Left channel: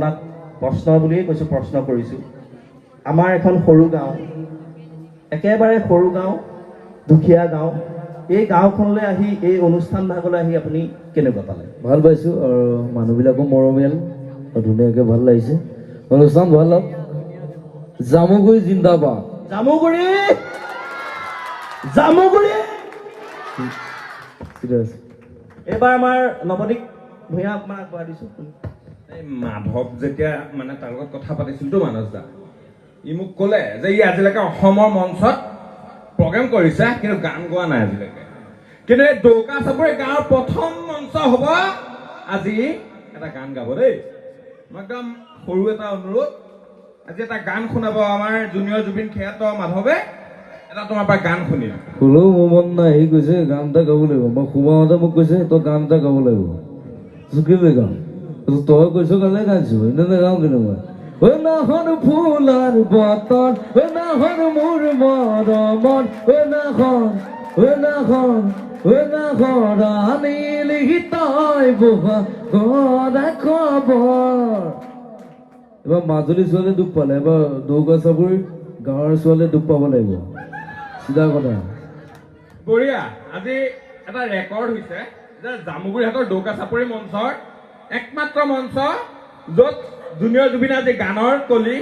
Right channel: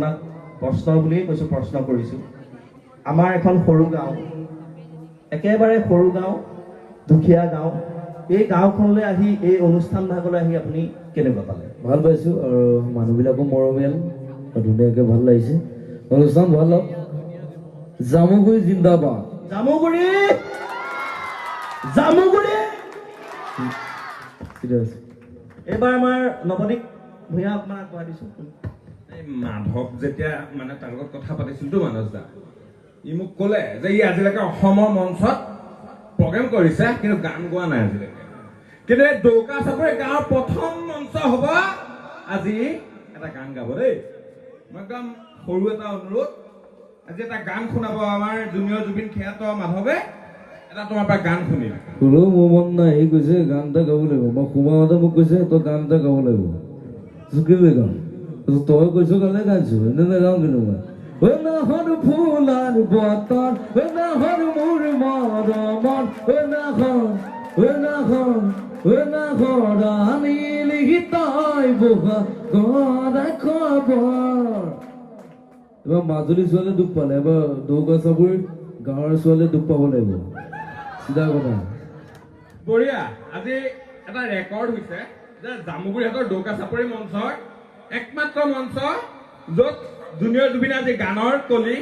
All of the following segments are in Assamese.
আপোনাক প্ৰশ্ন বুলিয়েই কৈছোঁ, প্ৰশ্ন কৰিছোঁ। আমাৰ এখন সৰু গাঁও, একেবাৰে সৰু গাঁও, দুখীয়া গাঁও, এই গাঁওখনলৈ আহি এই অনুষ্ঠান ভাগলৈ আহি আপুনি কেনেকুৱা পালে? ভাল পাইছোঁ আৰু মানুহবিলাকো মৰমীয়াল আৰু ধুনীয়াকৈ ভাল লাগিছে। অনুষ্ঠান ভাল হওক। জামুগুৰি জিন্দাবাদ। জামুগুৰি জামুগুৰি। এইবাৰ আমাৰ নৱদীপ ভূঞা অকণমান আগবঢ়াই দিছোঁ। এই মাধৱ যেতিয়া মানে তাৰ লগত কথা পাতিছিলতো মানস দা, ই মোক ক'লে যে ই আজিলৈকে অসমৰ মঞ্চত প্ৰগ্ৰেম কৰিছে কিন্তু গান গোৱা নাই আজিলৈকে। কিন্তু এই দৌকা চাপৰি গাঁৱৰ প্ৰথম মঞ্চ হ'ব আজি এটা গান গাব দেই। মই একদম সৰু এটা অনুৰোধ, আজি এটা গান শুনাব আমাৰ জুনিয়ৰ জুবিন খেয়াত মাধৱে। এটা তোমাৰ পৰা গান শুনিম। হ'লেও মোৰ মন নাই, সি কৈছে গান এটা গাব লাগিব। মই সোমাওঁতে মোক কৈছে তই গান এটা গাব লাগিব। কেলৈ গাম? তই কৈছ কাৰণে গাইছো, এনে নাগাওঁ কিন্তু মই। নাহৰ ফুলাৰ বতৰ, নাহৰ মোৰ মৰমৰ, নাহৰ আনিলি তই বহা গৰা খবৰ। এবাৰ মাজুলী ছোৱালীয়ে দুখ পালে, এবাৰ দৌকা চাপৰি গাঁৱৰ ছোৱালীয়ে দুখ পাব লাগিব। চিধা কথা। বঢ়িয়া। আজি এটা ৰেকৰ্ড হৈছে যে জামুগুৰিহাটৰ দৌকা চাপৰি মঞ্চৰ একমাত্ৰ মঞ্চ য'ত জুনিয়ৰ জুবিনে আজি গানৰ কলি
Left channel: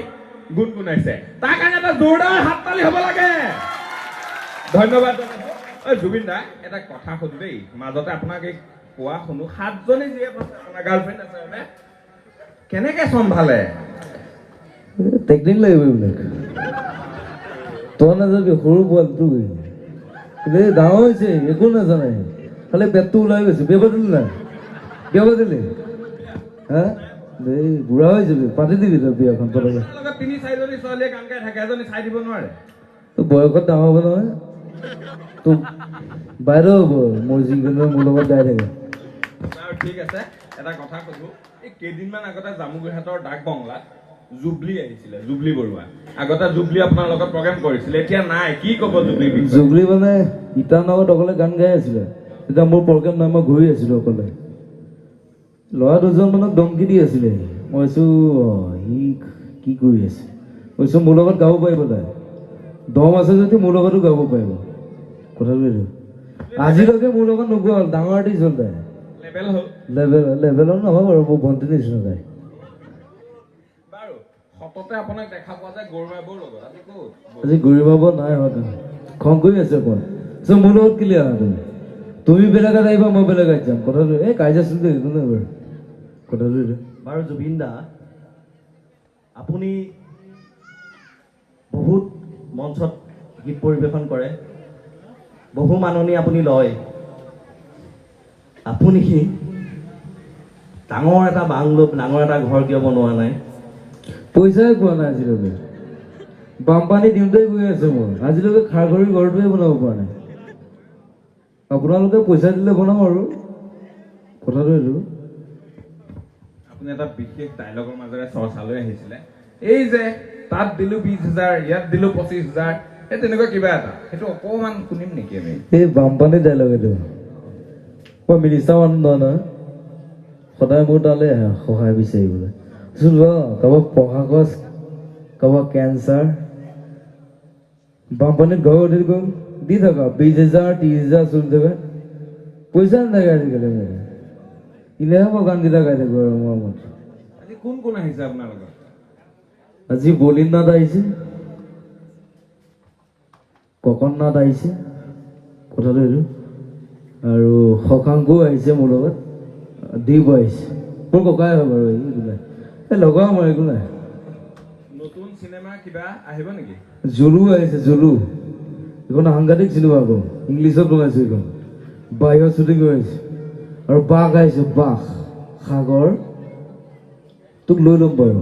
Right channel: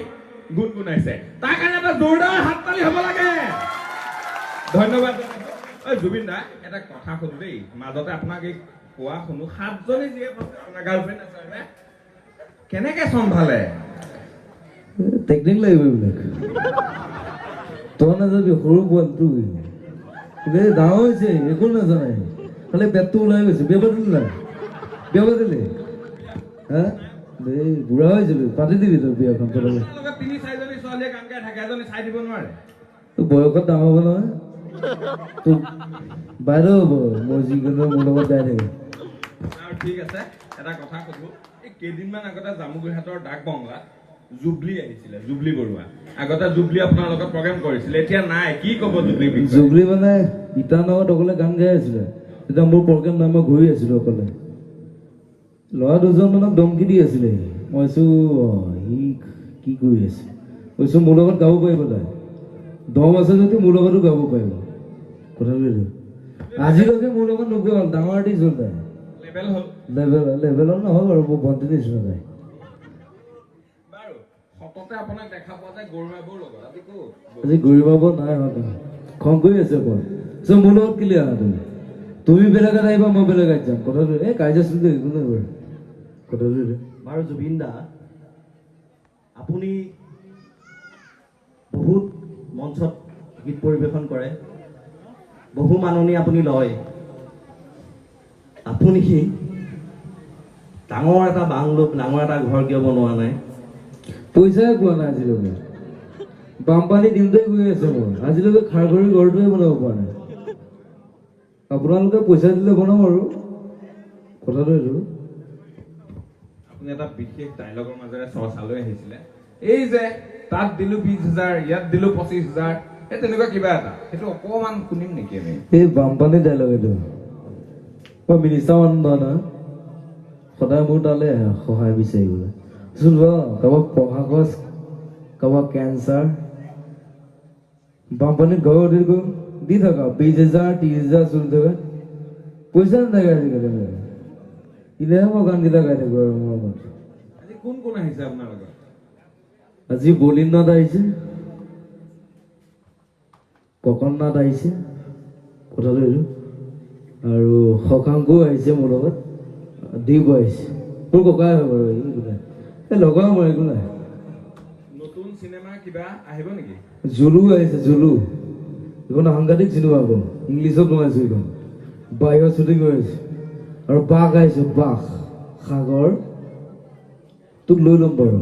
গুণগুণাইছে। তাৰ কাৰণে এটা জোৰদাৰ হাত তালি হ'ব লাগে। ধন্যবাদ জুবিন দা। এটা কথা সুধো দেই, মাজতে আপোনাক এই কোৱা শুনো 7জনী যিয়ে কৈছে আপোনাৰ গাৰ্লফ্ৰেণ্ড আছে হয়নে? কেনেকে চম্ভালে? টেকনিক লাগিব এইবিলাক। তই নাযাবি, সৰু পোৱালিটো এই ডাঙৰ হৈছে, একো নাজানে, খালি পেটটো ওলাই গৈছে। বিয়া পাতিলি নাই? বিয়া পাতিলি? হা দেই বুঢ়া হৈ যাবি, পাতি দিবি তই বিয়াখন। 3-4জনী ছোৱালীয়ে গান গাই থাকে, এজনী চাই দিব নোৱাৰে? তোৰ বয়সত ডাঙৰ হ'ব নহয়, তোৰ বাইদেউ হ'ব মই যিকোনো মোৰ লগত গাই থাকে। আৰু ঠিক আছে, এটা কথা সুধো, এই কেইদিনমান আগতে জামুগুৰিহাটৰ ডাক বংলাত জুবলি আহিছিলে, জুবলি বৰুৱা। আগতে জুবলি আপোনাৰ লগত প্ৰগ্ৰেম কৰিছিলে, এতিয়া নাই। কি ক'ব জুবলি? জুবলি মানে ইটানগৰত অকলে গান গাই আছিলে। এতিয়া মোৰ প্ৰগ্ৰেম নাই, মই ঘূৰি আছিলো অকলে। ল'ৰা দুজন মানে দমকি দি আছিলে। মই কৈছো সি কি কৰি আছে, কৈছো মোৰ লগত গাব পাৰিব, তাই দম আছে যদি মোৰ লগতো গাব পাৰিব। কথাটো আজিলৈকে মোৰ লগত নোগোৱা হ'ল, ডাঙৰ আৰ্টিষ্ট হ'ল তাই। লেভেলৰ নহয় বাৰু, মোৰ ভণ্টি নিচিনা তাই। আপোনাক দেখা পোৱা যায় গৌৰীবাবুৰ লগত। আজি গৌৰীবাবু নাই হোৱা, খং কৰি আছে অকণ। মোৰ লগত কেলে আহা তুমি বেলেগত আহিবা, মই বেলেগত যাম। কথাটো এই কাজিয়া চলি একো নাই বাৰু। কথাটো বাৰু জুবিন দা, আপুনি বহুত মঞ্চত গীত পৰিৱেশন কৰে, বহু মাননি আপুনি লয়। আপুনি ডাঙৰ এটা বাংলো, ডাঙৰ এটা ঘৰ কিয় বনোৱা নাই? পইচাই পোৱা নাই আজিলৈকে। বানপানী দিওঁতে গৈ আছে মই, আজিলৈকে খাৰ খৰি ঘৰটোৱে বনাব পৰা নাই। আপোনালোকে পইচা দিলে বনাম আৰু। কথাটো এইটো। আপুনি এটা বিশেষ ডাইলগৰ মাজেৰে চৰ্চালৈ আহিছিলে, এই যে তাত দিলো 20,000, ইয়াত দিলো 25,000, এই তেনেকুৱা কিবা এটা, সেইটো অকমান শুনিম নেকি আমি? এই বানপানী ডাইলগ এইটো। মই মিনিষ্টাৰ মানুহ নহয়, সদায় মোৰ তালৈ আহে সহায় বিচাৰিবলৈ। কাৰোবাক পঢ়া খৰচ, কাৰোবাক কেঞ্চাৰ, বানপানীত ঘৰ উঠি গ'ল, দি থকা 20,000, 30,000 চলি থকা, পইচা নাথাকে আজিকালি। ইলেহে মই গানকেইটা গাই থাকো আৰু মোৰ মতে। আজি কোন কোন আহিছে আপোনাৰ লগত? আজি বলিনাথ আহিছে, ককননাথ আহিছে, কথাটো এইটো। আৰু শশাংকও আহিছে মোৰ লগত, দীপ আহিছে, মোৰ ককাই হ'ব আৰু এই লগৰ মোৰ একো নাই। নতুন চিনেমা কিবা আহিব নেকি? জুলু আহিছে, জুলু। এইখন সাংঘাতিক চিনেমা আকৌ, ইংলিছত বনাইছো এইখন, বাহিৰত শ্বুটিং কৰিছে। আৰু বাঘ আহিছে, বাঘ সাগৰ, তোক লৈ ল'ম বাৰু,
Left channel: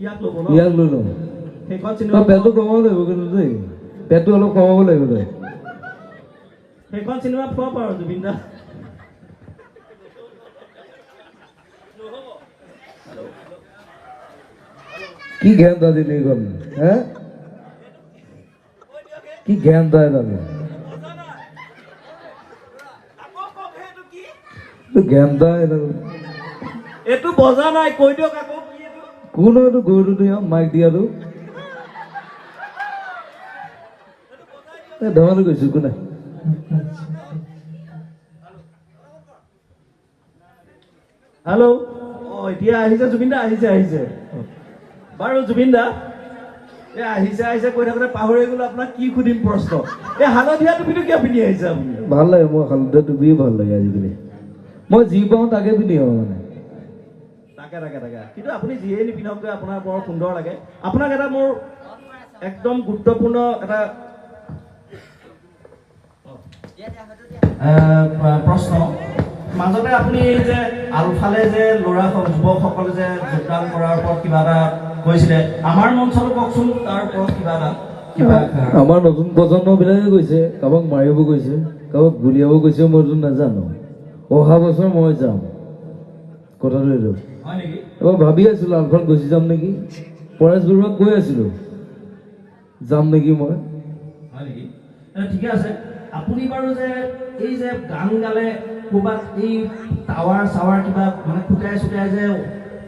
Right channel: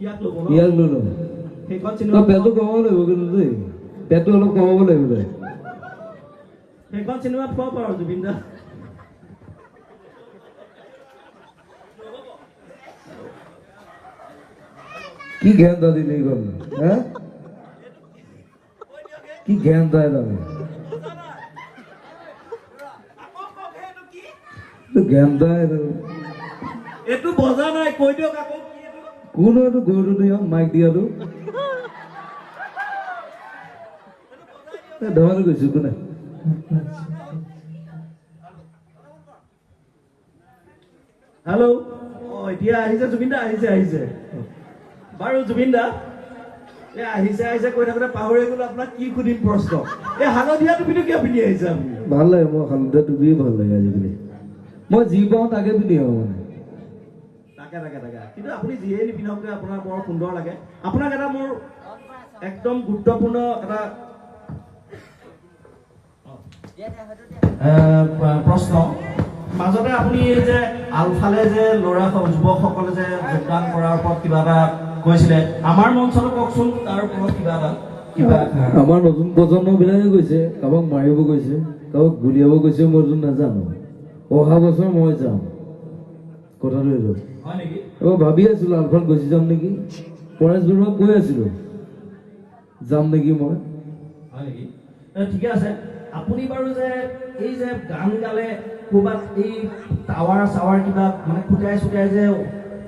ইয়াক লৈ ল'ম। পেটটো কমাব লাগিব কিন্তু দেই, পেটটো অলপ কমাব লাগিব দেই। সেইখন চিনেমা পোৱা পাৰো জুবিন দা। কি জ্ঞান দা দিলি এইখন, হা কি জ্ঞান দা দাবি জ্ঞান দা এইটো বজা নাই, কৈ দিয়ক আকৌ। কোন এইটো গৰুটো মাইক দিয়াটো ধেমালি কৈছো কোনে হেল্ল' এতিয়া আহিছে জুবিন দা আহিছে বাৰু জুবিন দা আহিছে কৈ থাকোঁতে পাহৰি গ'লো আপোনাক কি সুধিম প্ৰশ্ন এই হালধীয়া টুপিটো কিয় পিন্ধি আহিছে আপুনি ভাল লাগে মই হালধীয়া টুপিয়ে ভাল লাগে আজিকালি মই যি পাওঁ তাকে পিন্ধি আহোঁ মানে তাকে কিন্তু আপুনি যিয়ে নিপিন্ধক আপোনাৰ বৰ সুন্দৰ লাগে আপোনাক এটা মোৰ একদম গুৰুত্বপূৰ্ণ এটা প্ৰশ্ন মাজতে আপুনি যে আলফালে যে ল'ৰা যুৱকসকলে যে যোগদান কৰাৰ ওপৰত কিবা এটা কৈছিলে আমাৰ মঞ্চটো কওকচোন তাৰ ওপৰত কিবা আমাৰ নতুন প্ৰজন্মবিলাকে কৈছে কাৰোবাক মাৰিব গৈছে কাৰোবাক গুলিয়াব গৈছে মইতো নাজানো অহা বছৰ মই যাম কথাটো এইটো হয় নেকি এবাৰ ভাবি আছিলো আলফাত গুচি যাম নেকি পৰেশ বৰুৱাক কৈ আছিলো যাম নেকি মই হয় নেকি ঠিকে আছে আপুনি বাৰু যে এই যে গান গালে ক'ৰবাত এই টাৱাৰ কিবা মানে ফুটাই যে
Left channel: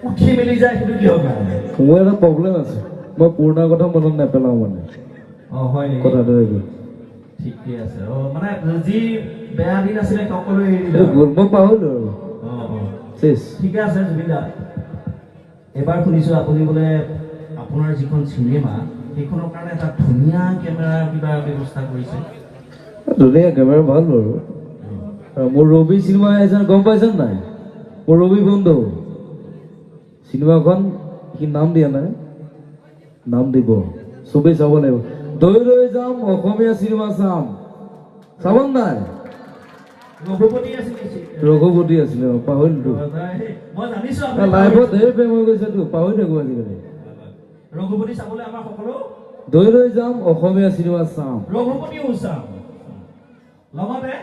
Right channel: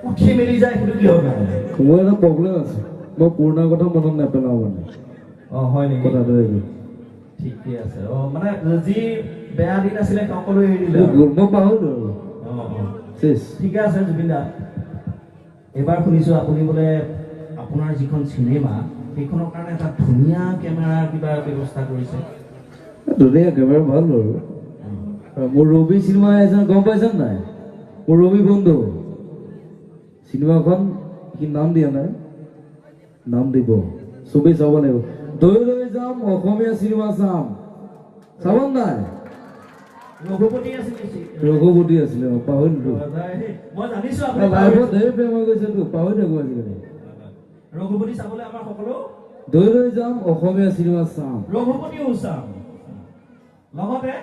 উঠি মেলি যায় সেইটো কিহৰ কাৰণে মোৰ এটা প্ৰব্লেম আছে মই পুৰণা কথা মনত নেপেলাওঁ মানে হয় নেকি কথাটো এইটো ঠিকে আছে মানে যি বেয়া দিন আছিলে সকলোৱে এৰি দিলে মই পাহৰিলো আৰু শেষ ঠিকে আছে জুবিন দা এবাৰ শুনিছো আপুনি বোলে আপোনাৰ যিখন চিনেমা সেইখনৰ কাৰণে এটা ধুনীয়া কেমেৰা কিবা ব্যৱস্থা কৰিছে ধুনীয়া কেমেৰা ভাল বাৰু মোৰ ৰবি চিনেমা আছে গম পাইছে নাই মোৰ ৰবি বন্ধু চিনেমাখন সি নাম দিয়া নাই নাম দিব চবেই চাব লাগিব দৈ লৈ যাম অসমীয়া চিনেমা চাব নাই ৰঘুপতি আছিলে পাহৰিলো লাইফত ধেৰ প্ৰেম হৈ গৈছেতো পাহৰি থাকো আজিকালি ৰঘুপতি চাবলৈ আমাৰ সকলো দৈ লৈ যাম অসমীয়া চিনেমা চাম ৰঘুপতিও চাম লগতে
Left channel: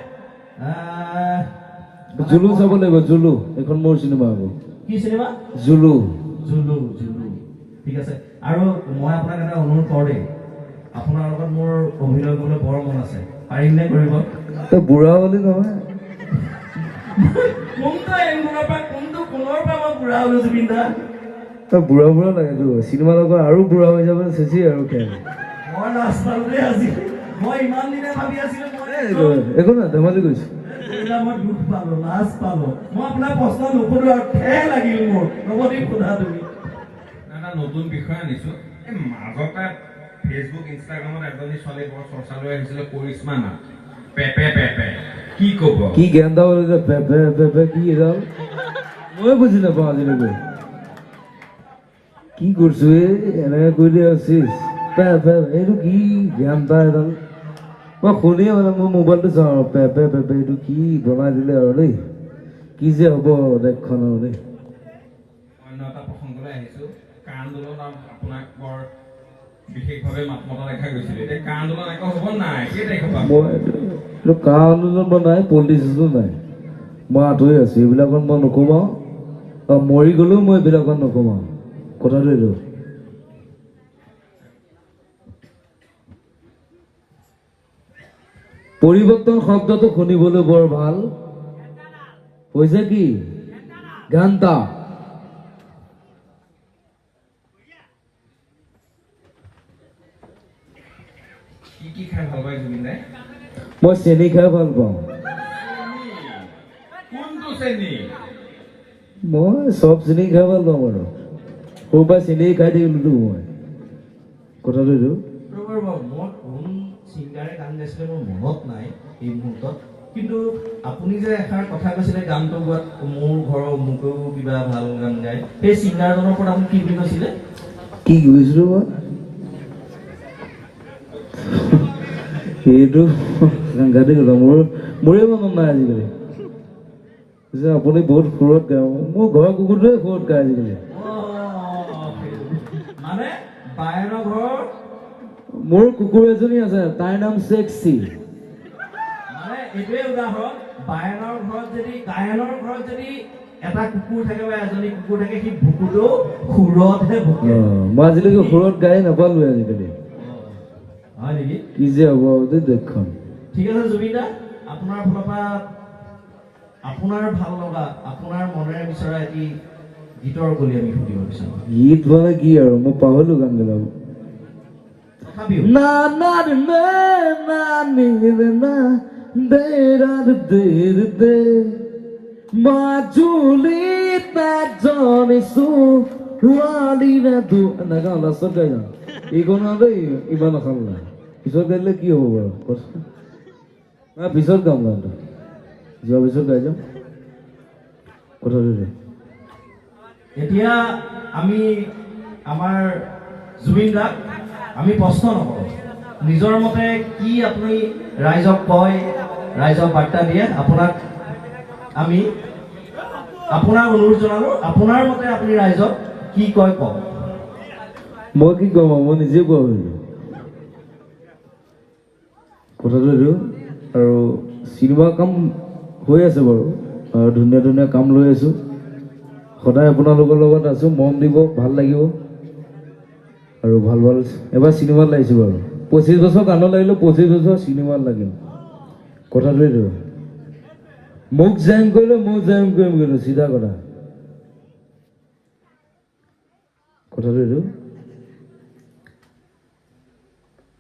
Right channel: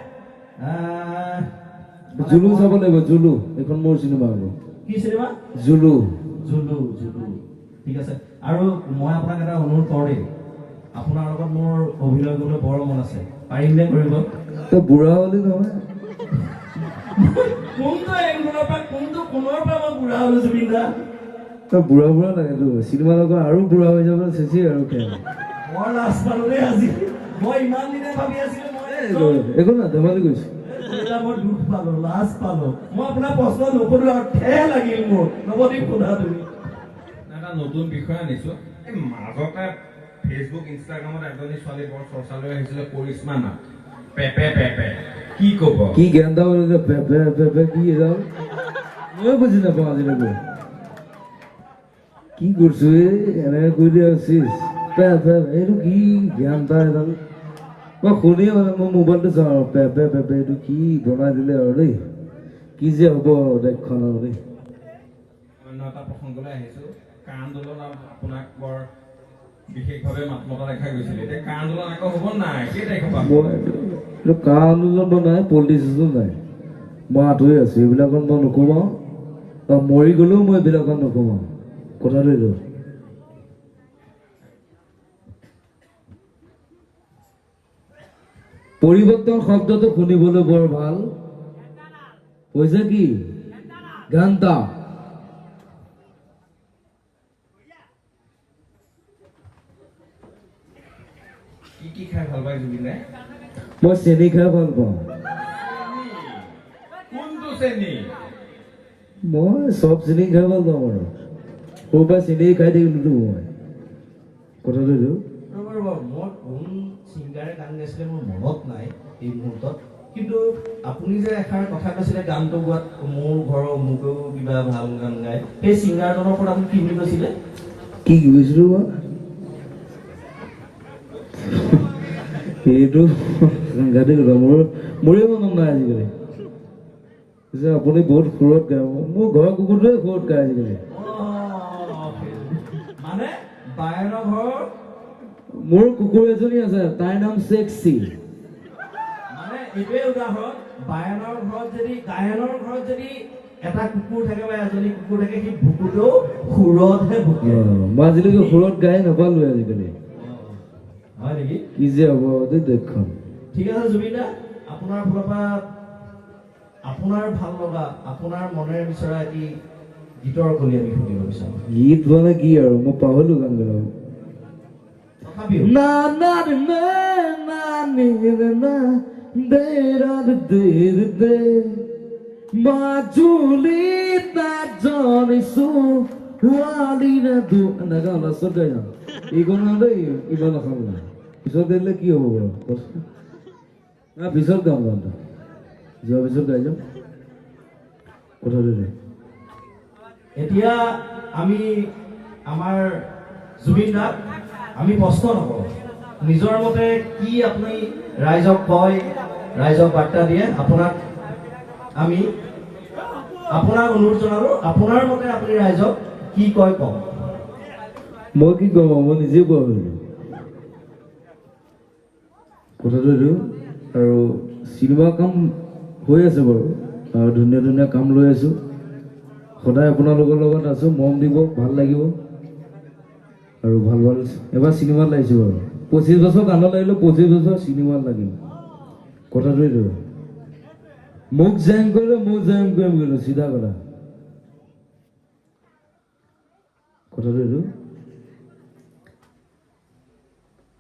জুলু চাব লাগিব জুলু এইখন মোৰ চিনেমা হ'ব কি চিনেমা জুলু ঠিক আছে আৰু মই আপোনাক এটা অনুৰোধ কৰিম আপোনাৰ লগত মোৰ অভিনয় কৰিবলৈ বৰ মন আছে পাৰিম নে কৰিব তই বুঢ়া হলি নহয় কোনটো এংগুলৰ পৰা কোনটো কোণৰ পৰা মই বুঢ়া হলো জুবিন দা তই বুঢ়া লাগেতো চিনেমা লগত আৰু বুঢ়া হৈ যাব চেচি আৰু খেল মই লাজ পালো দেই আজি মই ইমান দিনে ভাবি আছিলো একো নাই ধেমালি কৰিছো মই দুখ পালো, লাজ পালো। মই আপোনাৰ প্ৰশ্ন নুসুধিলো আৰু ঠেহ লাগিল মোৰ। নৱদ্বীপ সোধা তুমি। এটা নতুন বিষয় আনিছো। এই মাজতে ফেচবুক ইনষ্টাগ্ৰামত এজনী ছোৱালী বৰ চৰ্চা লৈ আহিছিলে, কৰিশ্মা নাথ। পেপে পেপে কি কব? কি গেন্দা পেপে পেপে কি এডাল মই বুজি নাপাওঁ আজিলৈকে। কি কৰিছো এনেকে কৈ দিয়া আছিস এইটো কি জ্ঞানতা এডাল মই শুনি মানে মই মোবাইলটো চাওঁ আৰু পেপে পেপে এইটো কি বনাই দিলে আৰু দেই কি যে হ'ব দেশখন আৰু দেই। অন্য এটা প্ৰসংগলৈ আহিছো। কা আন্দোলন আপোনাক বৰ বিশেষভাৱে মাত মতা দেখা গৈছিলে। এতিয়া কা আন্দোলন আকৌ হ'ব নাই? কেই তাৰিখৰ পৰা? মই কা আন্দোলন নাই, পলিটিক্সো নাই, মই আঁতৰি আছো। এইবিলাকত মই নোকোমাও আৰু মৰি গলেও মই এইবিলাকত নোকোমাও। কথাটো এইটো। পৰিৱৰ্তন শব্দটো শুনিবলৈ বৰ ভাল হৈছে। কি গানটা কি খাই ভাল পায় জুবিন দাই? মই চেনি খাই ভাল পাওঁ। কোনটো শ্ৰেণী? মই চব চেনি খাই ভাল পাওঁ আৰু সৰুৰ পৰা চেনি খাই থাকিলো মই। কথাটো এইটো। মই কোন ছিংগাৰে গান গাইছিলে মোৰ মনত নাই এই মুহূৰ্তত, কিন্তু আপুনি যে এষাৰ কথা কৈছিলে গানটো গোৱাত মোৰ ঘৰৰ অমুকেও কিবা ভাল গান গায়, সেই ছিংগাৰজনৰ ওপৰত আপুনি কি বুলি কৈছিলে? কি কৈছিলো মই সেইটো সাংঘাতিক কথা। মোৰে মনত নাই আজিকালি যে আপুনি বহুত সুৰত গায়। মোৰ ঘৰৰ কুকুৰটোৱে সুৰত গায় আজিকালি। মানে বায়েৰৰ ঘৰ মোৰ কুকুৰ এজনী আছে, তাইৰ নাম চেক্সি। মানে এইটোৱে উদাহৰণ, বায়েৰৰ ঘৰত যদি এটা কুকুৰ থাকে বা এজনী কুকুৰ থাকে, সি ভুকুটো সুৰতহে ভুকে। মই আজিলৈকে সুৰত গাই নাপালো আজিকালি। হয় নেকি? কি যে হ'ব দেই দেশখন। ঠিক আছে জুবিন দা, আপোনাৰ ফালৰ পৰা আপোনাৰ ভাল লগা, আপোনাৰ মনেৰে বিচৰা এটি গীতৰ কলি আমি শুনিব বিচাৰোঁ। গীত মানে কি আৰু মই পাহৰিলো গান গাব তথাপিও না না রে না না নি রে না দে রা দে দে মাজুলি তা জনে সু ওয়ালি না দু না গান লাষ্ট গাই না ইগন না দেই ইমান না খাম না পিছত গাইলে কি হ'ব বাৰু না পিছত গাম গানটো যোৱা পিছত গাই যাম কথা দিলে এতিয়া আমি আমাৰ জুবিন দাক আমি প্ৰশ্ন নকৰোঁ, নিজৰ মতে কি আপুনি ৰাইজক কয়, ৰাইজক বাৰ্তা দিয়ে, আপোনাক আমি আপোনাৰ অনুৰোধ জনালোঁ, আপোনাৰ মতে আপুনি ৰাইজক কি কয় কওক। মই কি কম মই নিজে পাহৰিলো কথাটো দিওঁ আৰু চিনেমা কাম হৈ আছে বাৰু আৰু ধুনীয়া ধুনীয়া কাম লৈ আছোঁ, সদায় আপোনালোকৰ লগত আছোঁ, মৰম দিব, ভাল লাগিব আৰু ভাল ভাল এবাৰ চিনেমাত লাগিছোঁ বাৰু 25 বছৰ গানত লাগিলেও 25 বছৰ চিনেমাত লাগিম কথাটোৱে দিওঁ মোক জেং কৰিলে মোক জেং কৰিম কিন্তু চিধা কথা কথাটোৱে দিওঁ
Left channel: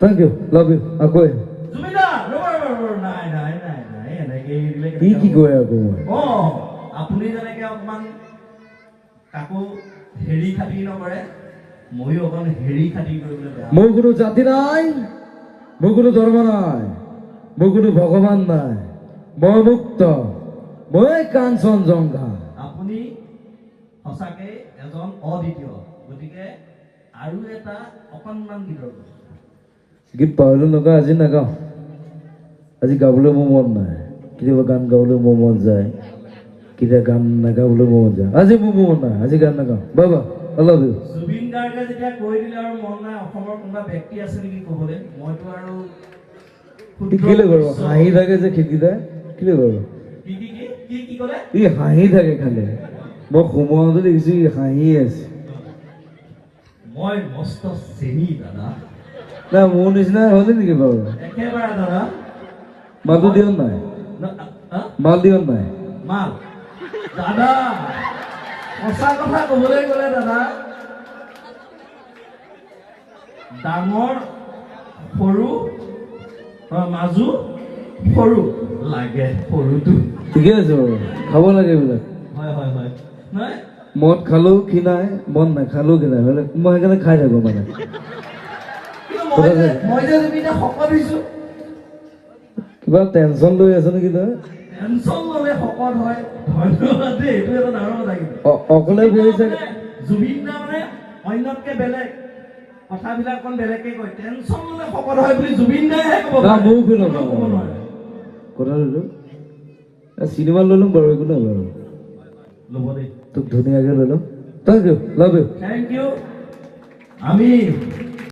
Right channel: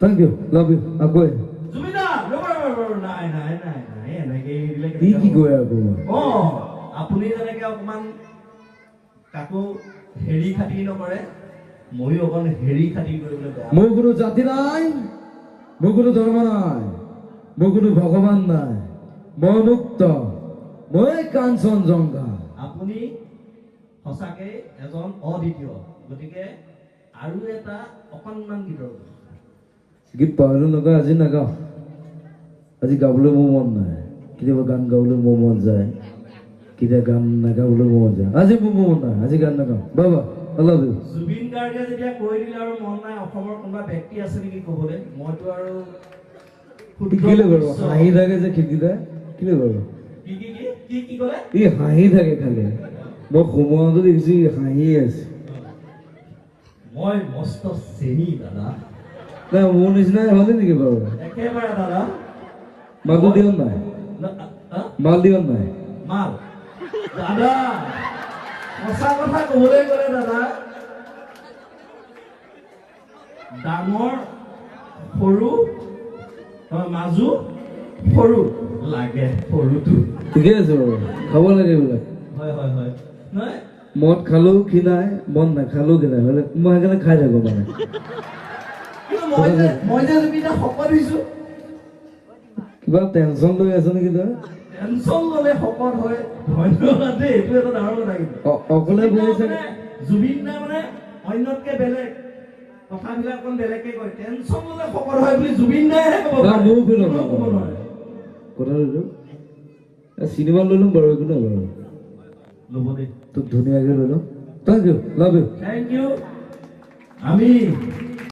থেংক ইউ লাভ ইউ আকৌ জুবিন দা নাই নাই নাই নাই এনেকে দিলে কি কয় আকৌ আপুনি যেনেকে অকমান কাকো হেৰি খাতিৰ নকৰে, ময়ো অকণ হেৰি খাতিৰ কৰিবলৈ বেয়া। মোৰ কোনো জাতি নাই, মোৰ কোনো ধৰ্ম নাই, মোৰ কোনো ভগৱান নাই, মই মুক্ত, মই কাঞ্চনজংঘা। আপুনি সঁচাকে এজন অদ্বিতীয়, গতিকে আৰু এটা অকণমান গীতৰ গীত পাহৰিলো নগাওঁ আজি নাগাওঁ, আজি গাবলৈ মোৰ মন নাই, কেতিয়াবা গান গাবলৈ মোৰ মন যায়, কেতিয়া গান নাগাবলৈ মোৰ মন যায়, আজি মোৰ মন নাই, আজি গান নাগাওঁ বাবা আল্লাহ জুবিন গাৰ্গে যেতিয়া কৈ দিলে আৰু মন নাই, অসমৰ কোনোবা ব্যক্তি আছে নেকি ক'বলৈ? মইতো আৰু কিলে বাৰু হাঁহি থাকে যে খেতিতে কিলে বাৰু কি কি কি কি কি ক'লে? ই হাঁহি থাকে খালি মই সময়তে দেখিছো ই হাঁহিয়ে আছে মই মস্ত চেনি দাদা, না মোৰ নিচিনা হ'লে নেকি বাৰু একেবাৰে দাদা। মালটো দিয়ক নাই মাল দিয়ক নাই মাল দাদা, সঁচা কথা ক'বলৈ গ'লে দাদা, ডাঙৰ সৰু মাজু সৰু লাগে, সৰুটো ঠিকে আছে বাৰু খাব লাগে এইবিলাক হয় হয় হয় নহয় মদ খালেও ক্ষীণাই মদ নাখালেও ক্ষীণাই হ'লে মই সেইকাৰণে খাই থাকো মানে মই যে এতিয়া শকত হৈছো, কিবা টেনচন লৈ আছে নেকি তই টেনচন ল'লে শকত হয়। ধন্যবাদ দেই, এইটো এটা ডাঙৰ কথা কিন্তু অকলে গৈছে জুবিন দা মানে অন্যতকে বেলেগ, কথাবিলাক অকণ বেলেগকে কয়, টেনচন ল'লে শকত হয় বুলি জুবিন দাইহে ক'ব না পাৰে। মোৰো ফিল কোনেও ক'ব নোৱাৰে। কথাটো চিনেমা লৈ ল'ম বাৰু একো নাই বাৰু ল'ব দেই, তোক ধুনীয়াকৈ লৈ ল'ম thank you love you thank you. আমি